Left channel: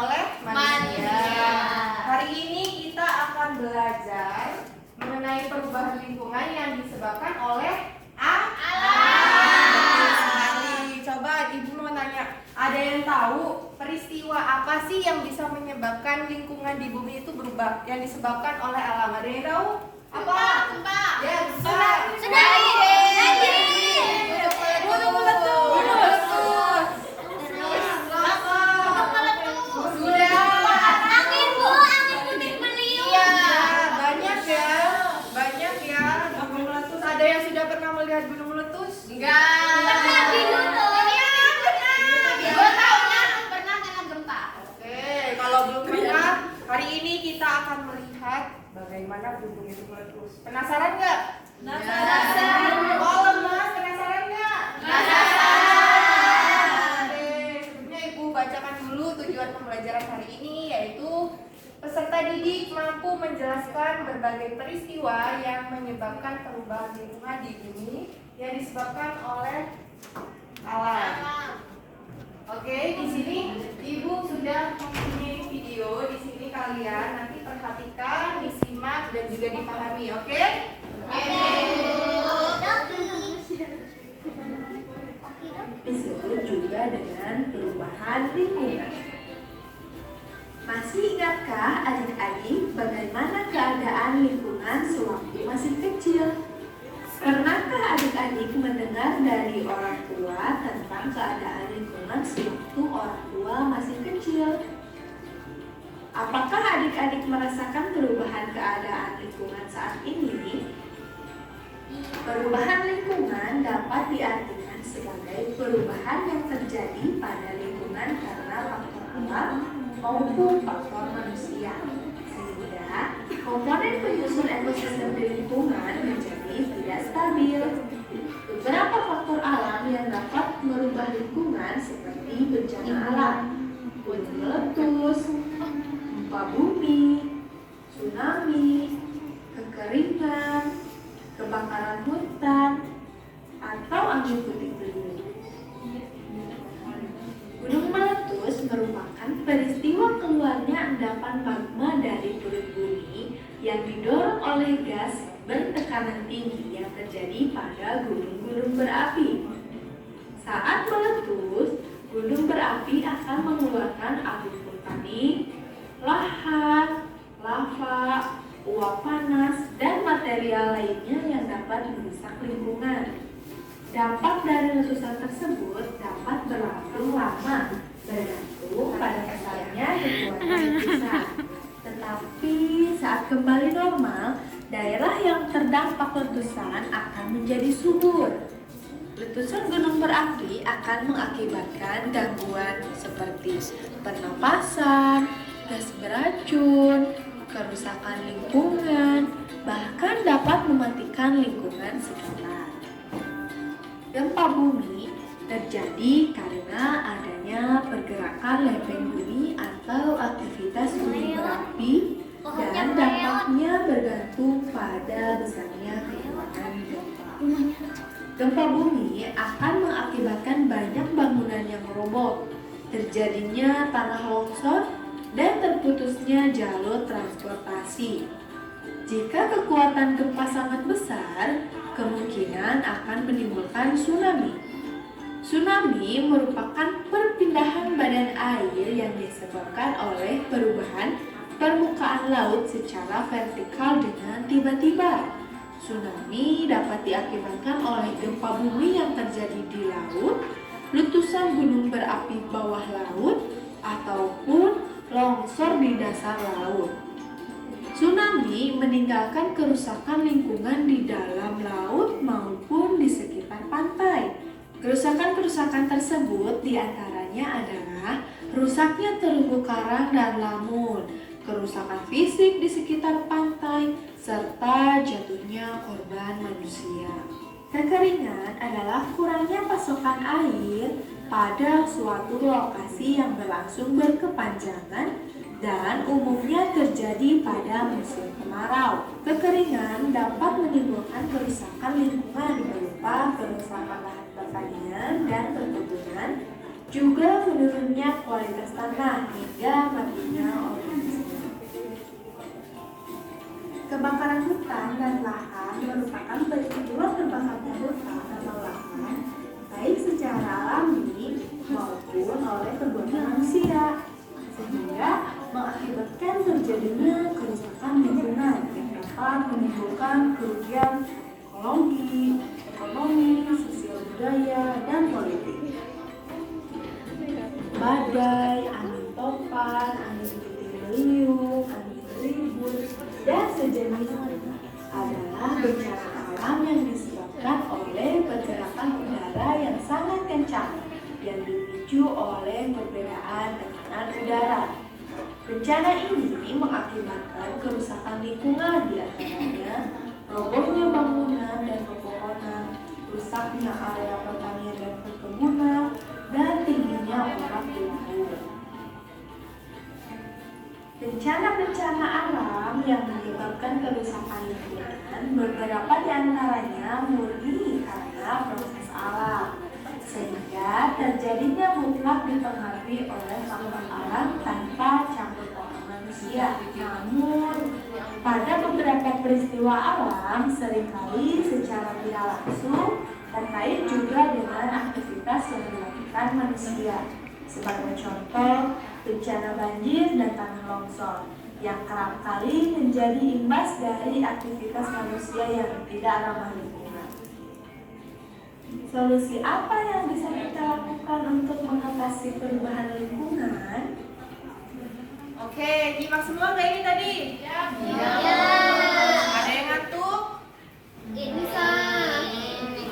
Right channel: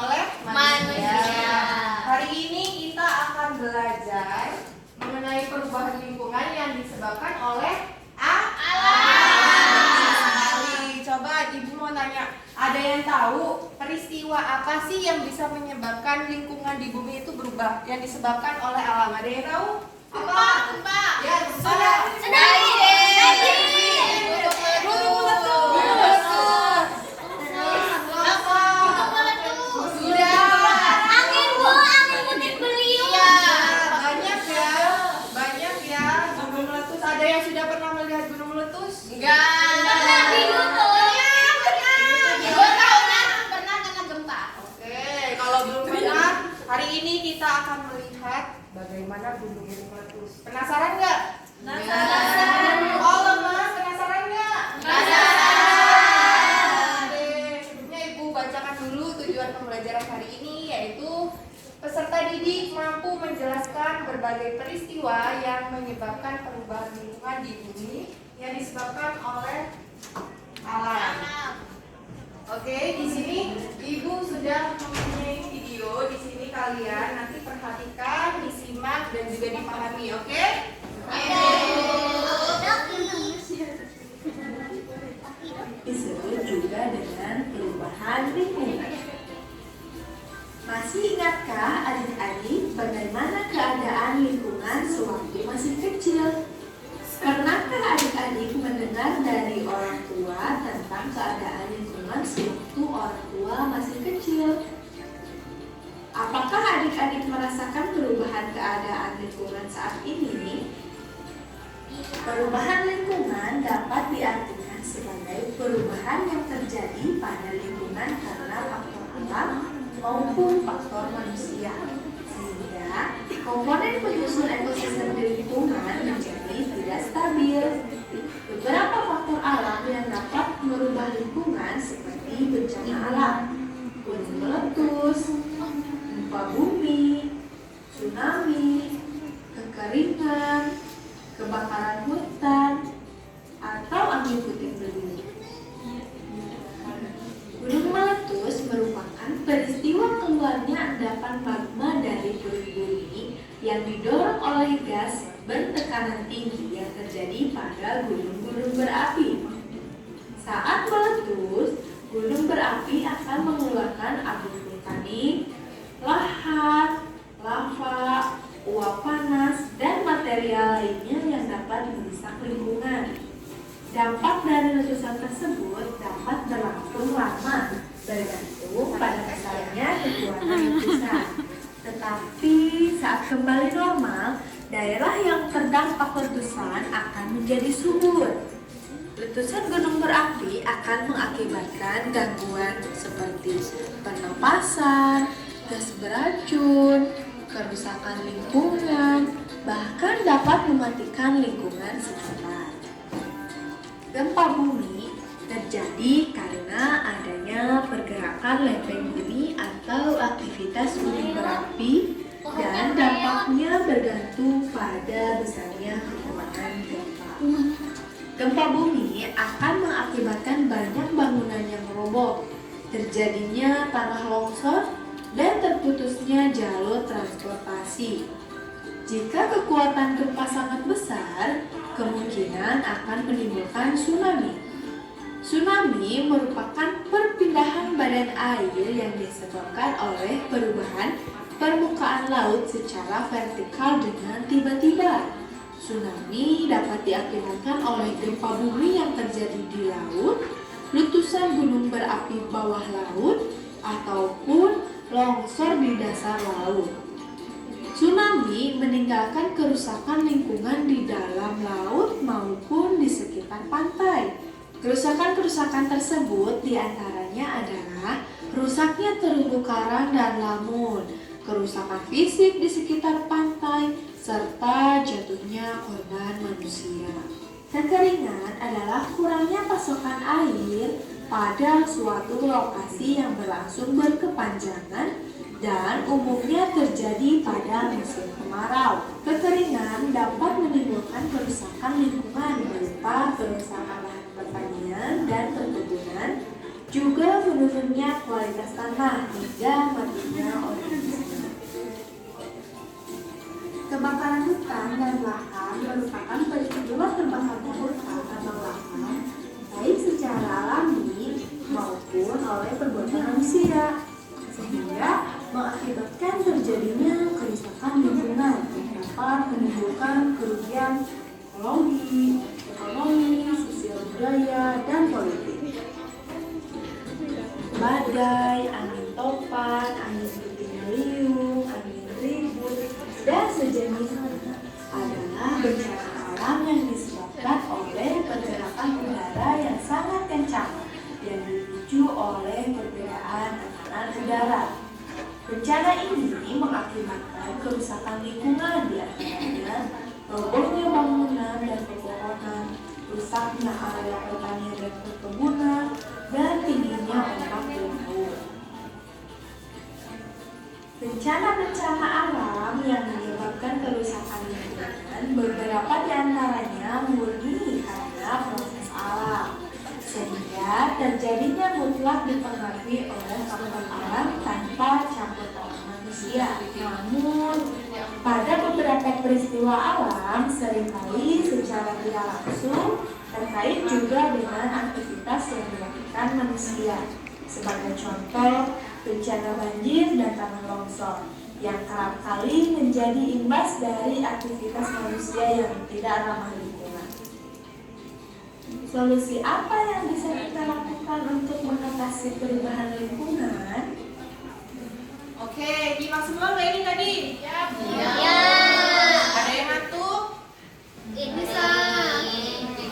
oleh manusia. Manusia. Hari ini kita akan belajar mengenai perubahan lingkungan yang disebabkan oleh alam. Coba Ibu mau tanya, ada yang tahu peristiwa apa sih yang bisa menyebabkan lingkungan di bumi itu berubah? Yang disebabkan oleh alam. Ada yang tahu? Apa? Gempa. Ya, Tsunami. Gunung meletus. Sudah. Angin puting beliung. Iya, banyak ya gunung meletus. Ada yang sudah pernah melihat gunung meletus? Pernah di YouTube. Iya, pernah kena gempa. Oke, kalau belum pernah, hari ini kita akan melihat bagaimana gunung itu meletus. Penasaran nggak? Penasaran. Oh, lemas, penasaran nggak? Penasaran. Oke, sebelumnya Ibu bacakan dulu tujuan pembelajaran hari ini, yaitu peserta didik mampu menjelaskan berbagai peristiwa yang menyebabkan perubahan lingkungan di bumi yang disebabkan oleh alam. Oke, di sini Ibu sudah mempunyai video. Di sini kalian nanti perhatikan, disimak dan juga dipahami. Oke? Disebut juga dengan perubahan lingkungan. Masih ingatkah adik-adik bagaimana keadaan lingkungan sewaktu masih kecil? Pernahkah adik-adik mendengar dari orang tua tentang keadaan lingkungan sewaktu orang tua masih kecil? Apakah adik-adik merasakan perubahan keadaan lingkungan saat ini? Perubahan lingkungan dapat diartikan sebagai perubahan yang terjadi pada lingkungan karena faktor alam maupun faktor manusia, sehingga komponen penyusun ekosistem di lingkungan menjadi tidak stabil. Beberapa faktor alam yang dapat merubah lingkungan seperti bencana alam, gunung meletus, gempa bumi, tsunami, kekeringan, kebakaran hutan, atau angin puting beliung. Gunung meletus merupakan peristiwa keluarnya endapan magma dari perut bumi yang didorong oleh gas bertekanan tinggi yang terjadi pada gunung-gunung berapi. Saat meletus, gunung berapi akan mengeluarkan abu vulkanik, lahar, lava, uap panas, dan material lainnya yang dapat merusak lingkungan. Dampak dari letusan tersebut dapat berlangsung lama, bergantung pada besarnya kekuatan letusan. Tetapi saat kembali normal, daerah yang terdampak letusan akan menjadi subur. Letusan gunung berapi akan mengakibatkan gangguan seperti pernapasan, gas beracun, kerusakan lingkungan, bahkan dapat mematikan lingkungan sekitar. Gempa bumi terjadi karena adanya pergerakan lempeng bumi atau aktivitas gunung berapi dan dampaknya bergantung pada besarnya kekuatan gempa. Gempa bumi akan mengakibatkan banyak bangunan yang roboh, terjadinya tanah longsor, dan terputusnya jalur transportasi. Jika kekuatan gempa sangat besar, kemungkinan akan menimbulkan tsunami. Tsunami merupakan perpindahan badan air yang disebabkan oleh perubahan permukaan laut secara vertikal dengan tiba-tiba. Tsunami dapat diakibatkan oleh gempa bumi yang terjadi di laut, letusan gunung berapi bawah laut, ataupun longsor di dasar laut. Tsunami meninggalkan kerusakan lingkungan di dalam laut maupun di sekitar pantai. Kerusakan-kerusakan tersebut diantaranya adalah rusaknya terumbu karang dan lamun, kerusakan fisik di sekitar pantai, serta jatuhnya korban manusia. Kekeringan adalah kurangnya pasokan air pada suatu lokasi yang berlangsung berkepanjangan dan umumnya terjadi pada musim kemarau. Kekeringan dapat menimbulkan kerusakan lingkungan berupa kerusakan lahan pertanian dan perkebunan, juga menurunnya kualitas tanah hingga matinya organisme. Kebakaran hutan dan lahan merupakan peristiwa terbakarnya hutan atau lahan baik secara alami maupun oleh perbuatan manusia, sehingga mengakibatkan terjadinya kerusakan lingkungan yang dapat menimbulkan kerugian ekologi, ekonomi, sosial budaya, dan politik. Badai, angin topan, angin puting beliung, angin ribut, dan sejenisnya adalah bencana alam yang disebabkan oleh pergerakan udara yang sangat kencang yang dipicu oleh perbedaan tekanan udara. Bencana ini mengakibatkan kerusakan lingkungan, di antaranya robohnya bangunan dan pepohonan, rusaknya area pertanian dan perkebunan, dan tingginya ombak di laut. Bencana-bencana alam yang menyebabkan kerusakan lingkungan beberapa di antaranya murni karena proses alam, sehingga terjadinya mutlak dipengaruhi oleh faktor alam tanpa campur tangan manusia. Namun, pada beberapa peristiwa alam seringkali secara tidak langsung terkait juga dengan aktivitas yang dilakukan manusia. Sebagai contoh, bencana banjir dan tanah longsor yang kerap kali menjadi imbas dari aktivitas manusia yang tidak ramah lingkungan. Solusi apa yang bisa kita lakukan untuk mengatasi perubahan lingkungan? Oke, nyimak semua nggak ini tadi? Ya. Ada yang ngantuk? Bisa.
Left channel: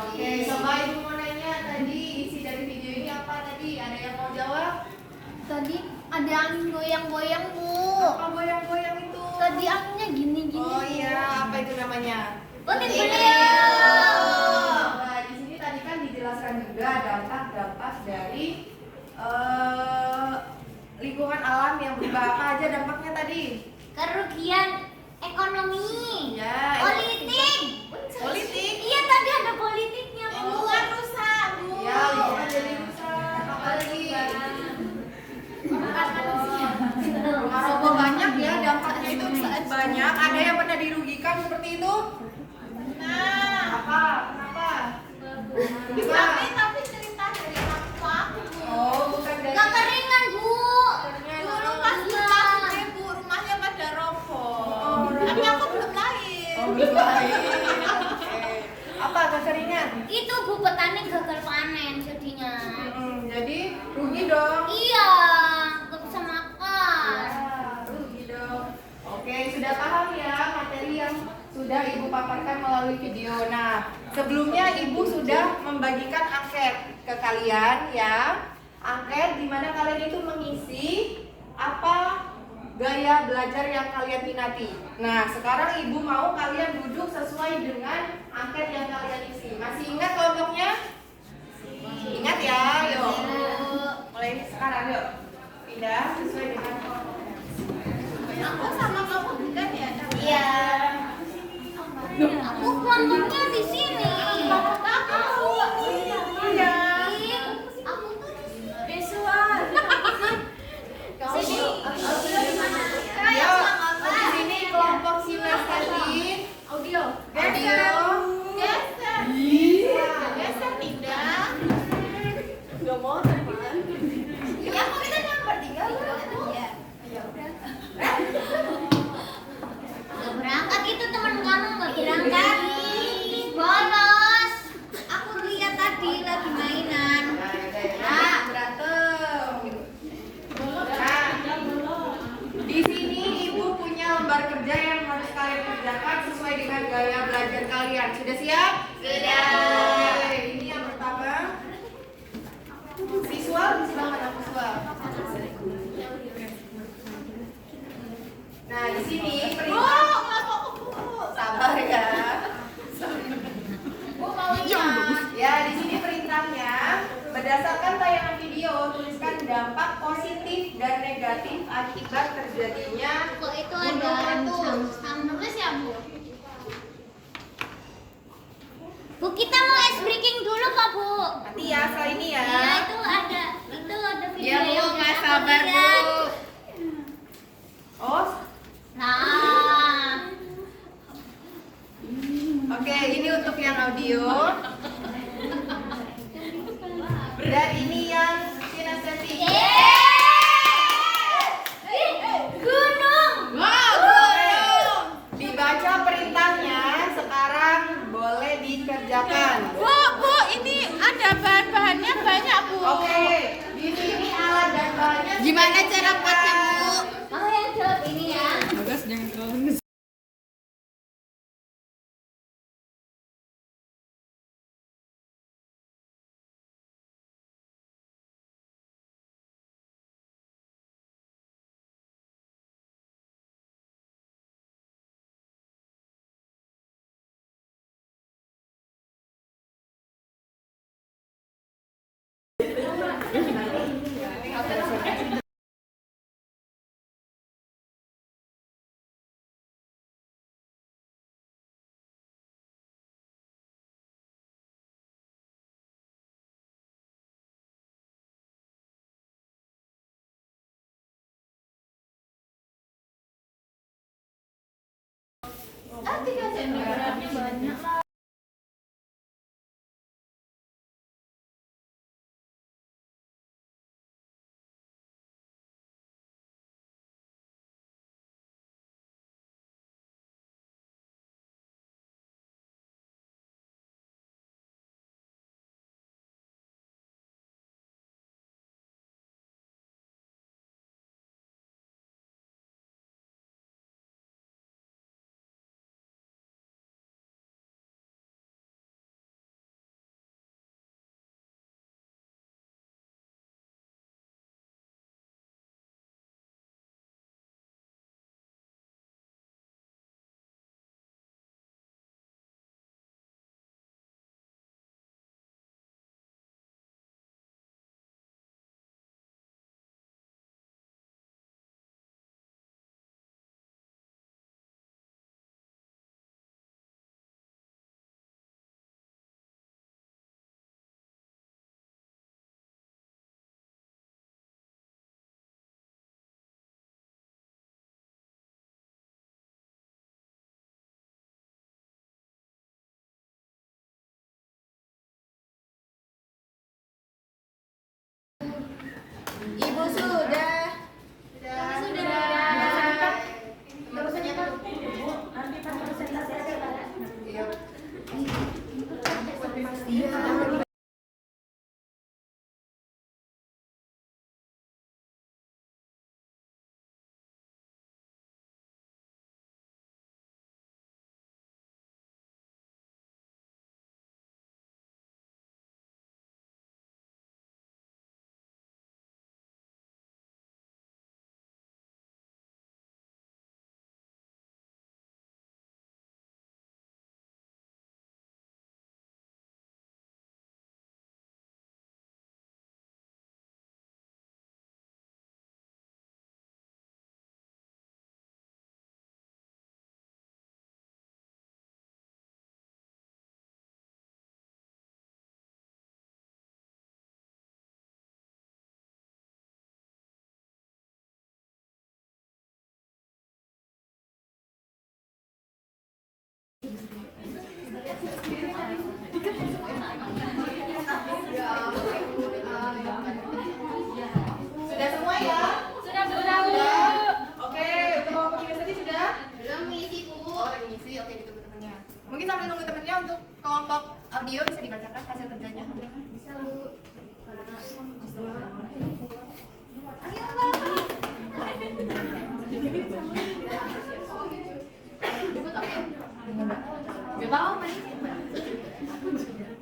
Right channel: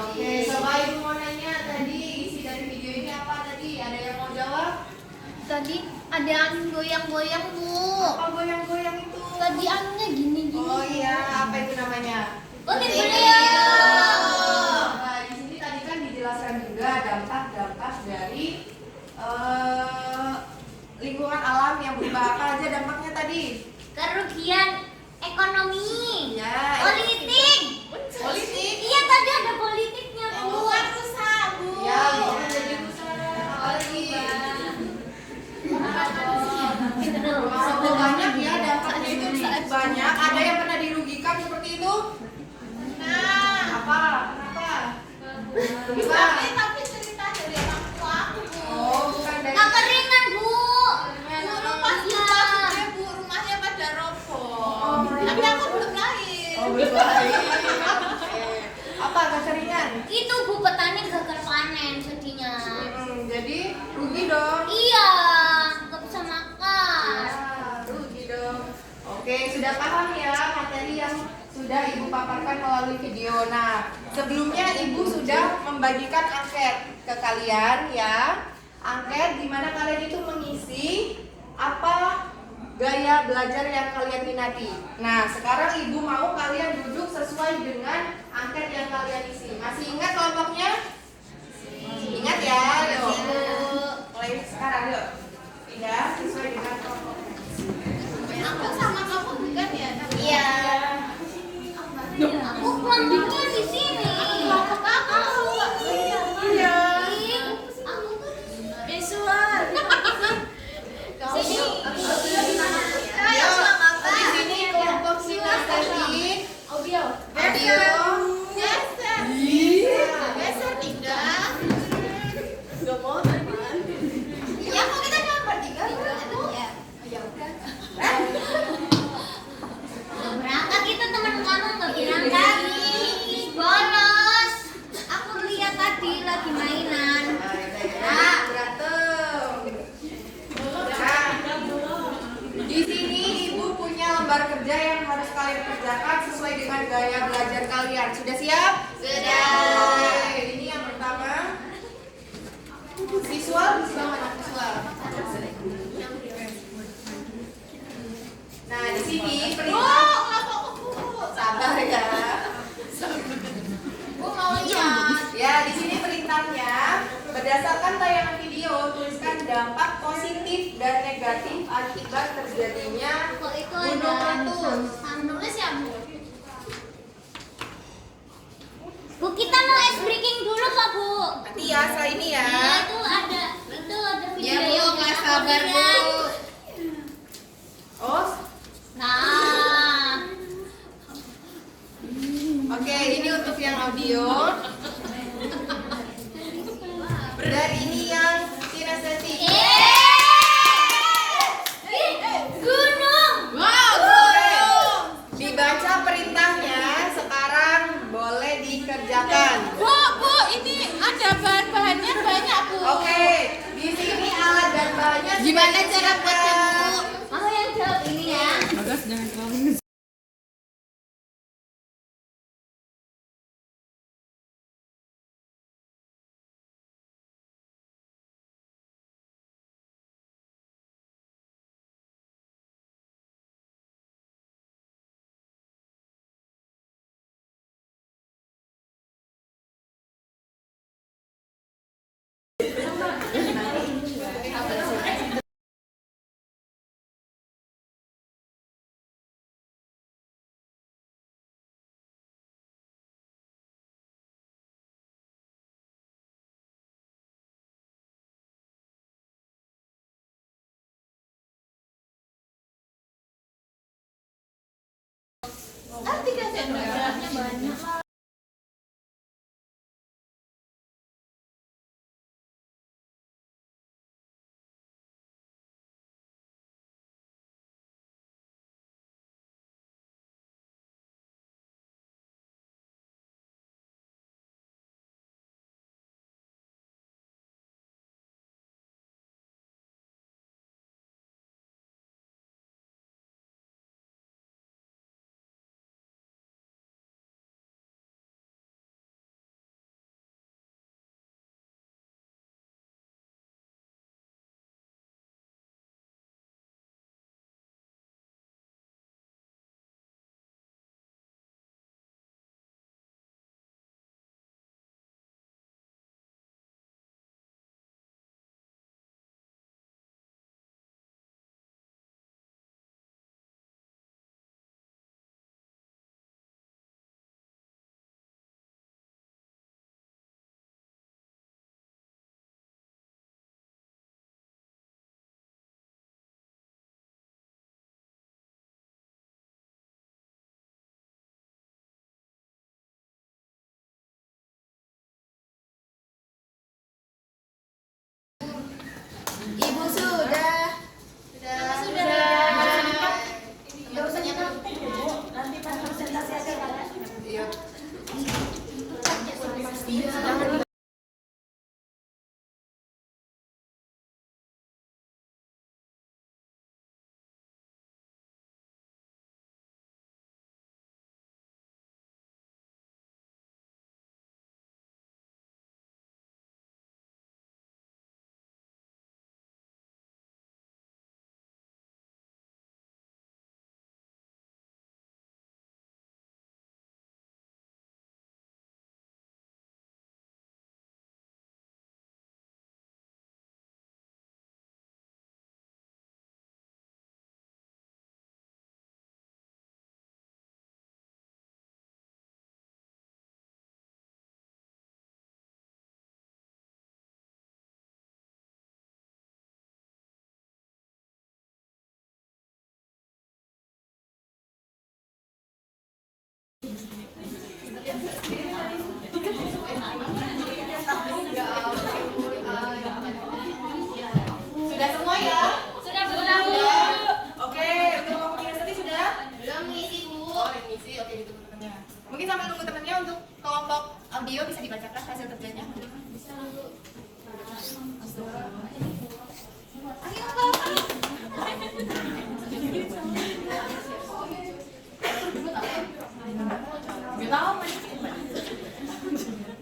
Oke, coba ibu mau nanya tadi isi dari video ini apa tadi? Ada yang mau jawab? Tadi ada angin goyang-goyang, Bu. Apa goyang-goyang itu? Tadi anginnya gini-gini. Oh iya, apa itu namanya? Puting beliung. Nah, di sini tadi kan dijelaskan juga dampak-dampak dari lingkungan alam yang berubah. Apa aja dampaknya tadi? Kerugian ekonomi. Ya, Politik. politik. Iya, tadi ada politiknya, Bu. Rusak, Bu. Ya, lingkungan jadi rusak. Apa lagi? Oh, banyak ya dampaknya itu banyak. Ada yang pernah dirugikan seperti itu? Nah, apa? Kenapa? Tapi cerita dari orang tua aku, Bu. Oh, bukan dari. Kekeringan, Bu. Dulu pas kita gede, Bu, rumahnya pada roboh. Oh, Tapi aku belum lahir. Oh, belum lahir. Oke. Apa kekeringan? Itu, Bu, petani gagal panen sedihnya. Jadi rugi dong. Iya, nggak bisa makan. Ya, rugi dong. Oke, sudah paham ya materi yang sudah Ibu paparkan melalui video. Nah, sebelumnya Ibu sudah membagikan angket ke kalian ya. Angket di mana kalian itu mengisi apa gaya belajar yang kalian minati. Nah, sekarang Ibu mau kalian duduk sesuai dengan angket yang kalian isi. Masih ingat kelompoknya? Ingat ya, yuk. Mulai sekarang yuk. Pindah sesuai dengan kelompoknya. Aku sama kamu bukan ya? Iya. Aku kelompoknya di sini. Kelompok aku. Iya. Aku kan Visual. sini. Ya, di sini kelompok sinestesin. Audio. Audio. Geser. Geser tidak. Gak mau teman. Iya, kok kita cuma bertiga. Iya. Berangkat itu teman kamu nggak berangkat. Bolos. Aku lihat tadi lagi mainan. Nah, berantem. Nah, di sini Ibu punya lembar kerja yang harus kalian kerjakan sesuai dengan gaya belajar kalian. Sudah siap? Sudah. Oke, ini yang pertama. Visual, di sebelah mana visual? Nah, di sini perintah. Kenapa aku? Sabar ya. Bu mau lihat. Ya, di sini perintahnya berdasarkan tayangan video tuliskan dampak positif dan negatif akibat terjadinya Kok itu gunung ada meletus. nulis ya, Bu? Bu, kita mau ice breaking dulu Pak, Bu. Nanti ya, setelah ini ya. Iya, itu ada itu yang audio. Dan ini yang kinestetik. Gunung. Wow, gunung. Dibaca perintahnya, sekarang boleh dikerjakan. Bu, ini ada bahan-bahannya banyak, Bu. Oke, di sini alat dan bahannya. Gimana cara buatnya, Bu? Mau yang jawab ini ya. Ibu sudah. Teman-temannya kan? Nanti pas presentasi ada. Iya. Sudah semua ya? Sudah pulang, Bu. Oke, untuk pembagian tadi sudah? Belum ngisi, Bu. Oh, yang ngisi. Oke, itu teman-temannya. Mungkin sambil nunggu temennya untuk kelompok audio bisa dibacakan hasil kerjanya. Bisa, Bu.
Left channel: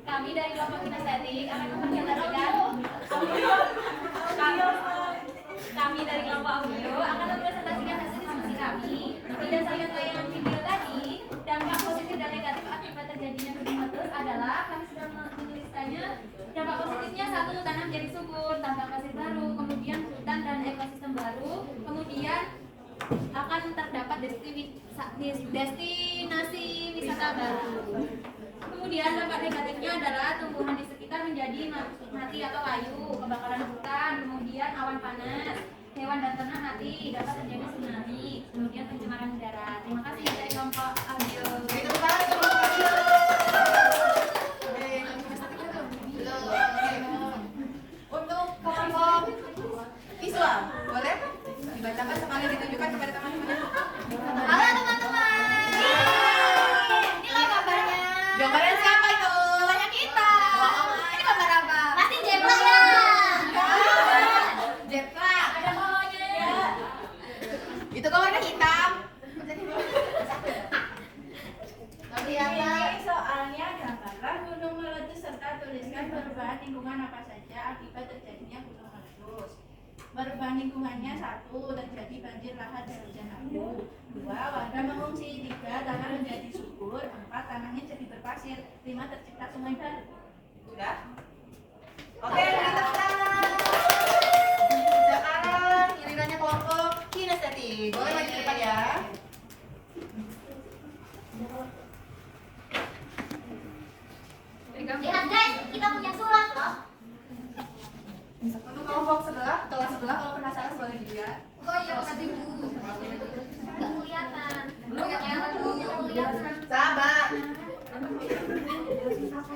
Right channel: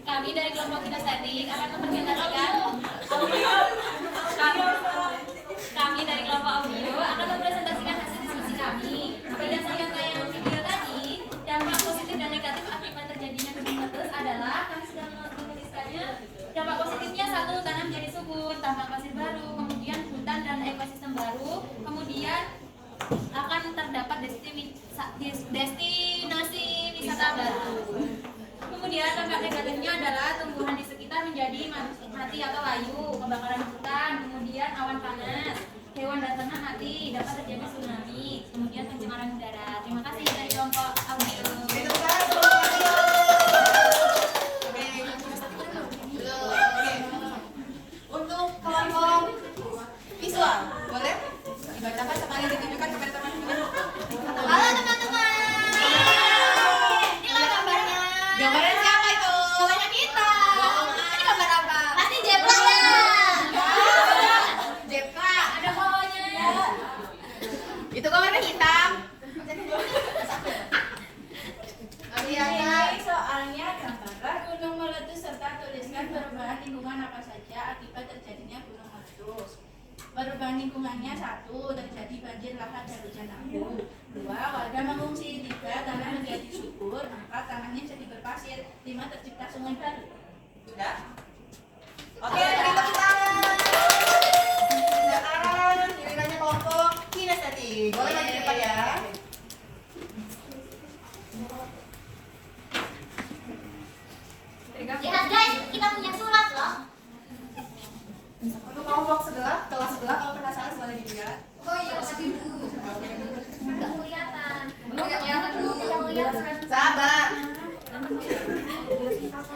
Kami dari kelompok kinestetik akan mempresentasikan kami dari kelompok audio akan mempresentasikan hasil diskusi kami berdasarkan tayangan video tadi. Dampak positif dan negatif akibat terjadinya gunung meletus adalah kami sudah menuliskannya. Dampak positifnya 1, tanah menjadi subur, tambang pasir baru, kemudian hutan dan ekosistem baru, kemudian akan terdapat destinasi wisata baru. Kemudian dampak negatifnya adalah tumbuhan di sekitar menjadi mati atau layu, kebakaran hutan, kemudian awan panas, hewan dan ternak mati, dapat terjadi tsunami, kemudian pencemaran udara. Terima kasih dari kelompok audio. Oke, tepuk tangan untuk kelompok audio. Itu kan warna hitam. Ini soalnya gambarkan gunung meletus serta tuliskan perubahan lingkungan apa saja akibat terjadinya gunung meletus. Perubahan lingkungannya: 1. Terjadi banjir lahar dan hujan abu. 2. Warga mengungsi. 3. Tanah menjadi subur. 4. Tanahnya jadi berpasir. 5. Tercipta sungai baru. Sudah? Oke, beri tepuk tangan. Sekarang gilirannya kelompok kinestetik. Boleh maju ke depan ya. Lihat guys, kita punya surat loh. Untuk kelompok sebelah, kelas sebelah kalau penasaran boleh dilihat. Oh iya, tapi nggak kelihatan. Belum kelihatan dulu. Kita kelihatan. Sabar.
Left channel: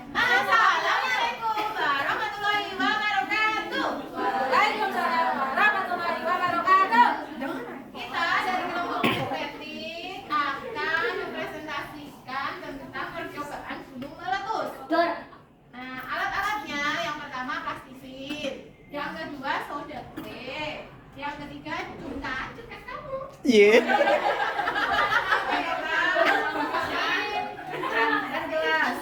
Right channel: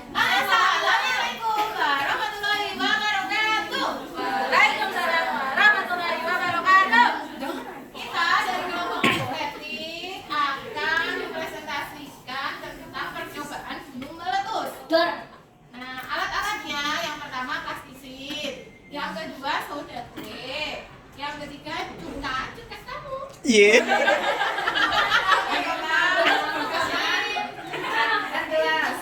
Assalamualaikum warahmatullahi wabarakatuh. Waalaikumsalam warahmatullahi wabarakatuh. Kita dari kelompok estetik akan mempresentasikan tentang percobaan gunung meletus. Dor. Nah, alat-alatnya yang pertama plastisit, yang kedua soda kue, yang ketiga cuka kamu. Iya. Dan gelas.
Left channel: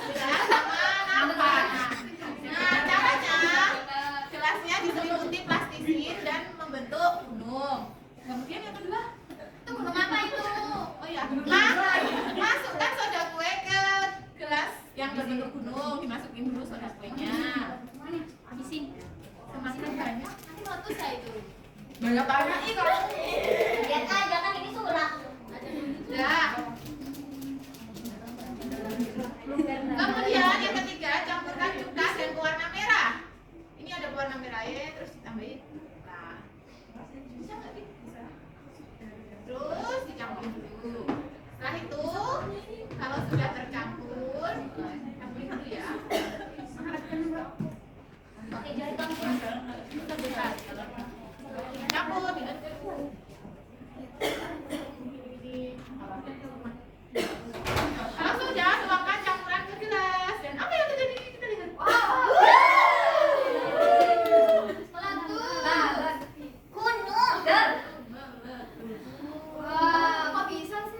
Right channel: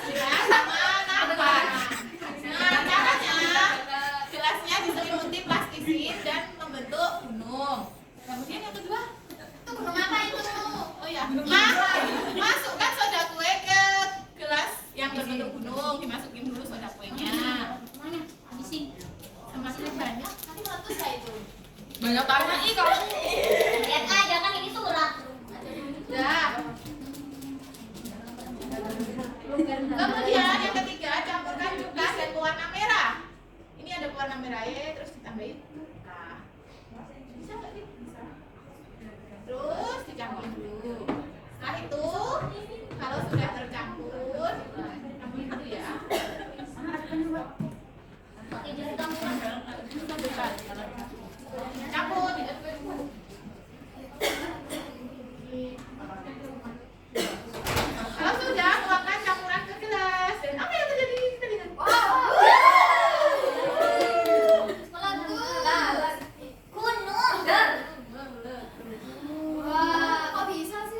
Sama nampak. Nah, caranya gelasnya diselimuti plastisit dan membentuk gunung. Kemudian yang kedua, itu gunung apa itu? Oh ya, masukkan soda kue ke gelas yang berbentuk gunung, dimasukin dulu soda kuenya. Mana? Habisin. Semakin banyak, nanti meletus ya itu. Banyak tanya ih kalau Lihat aja kan ini surat. Ya. Kemudian yang ketiga, campurkan cuka dan pewarna merah. Ini ada pewarna merah ya, terus ditambahin. Nah, bisa nggak nih? Bisa. Terus dicampur dulu. Setelah itu, kalau sudah tercampur, campur dulu ya. Pakai jari kamu. Campur, diaduk dulu. Kalau sudah, tuangkan campuran ke gelas. Dan apa yang terjadi? Kita lihat. Gunung. Wah, kok bisa sih?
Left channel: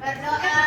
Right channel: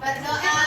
Berdoa.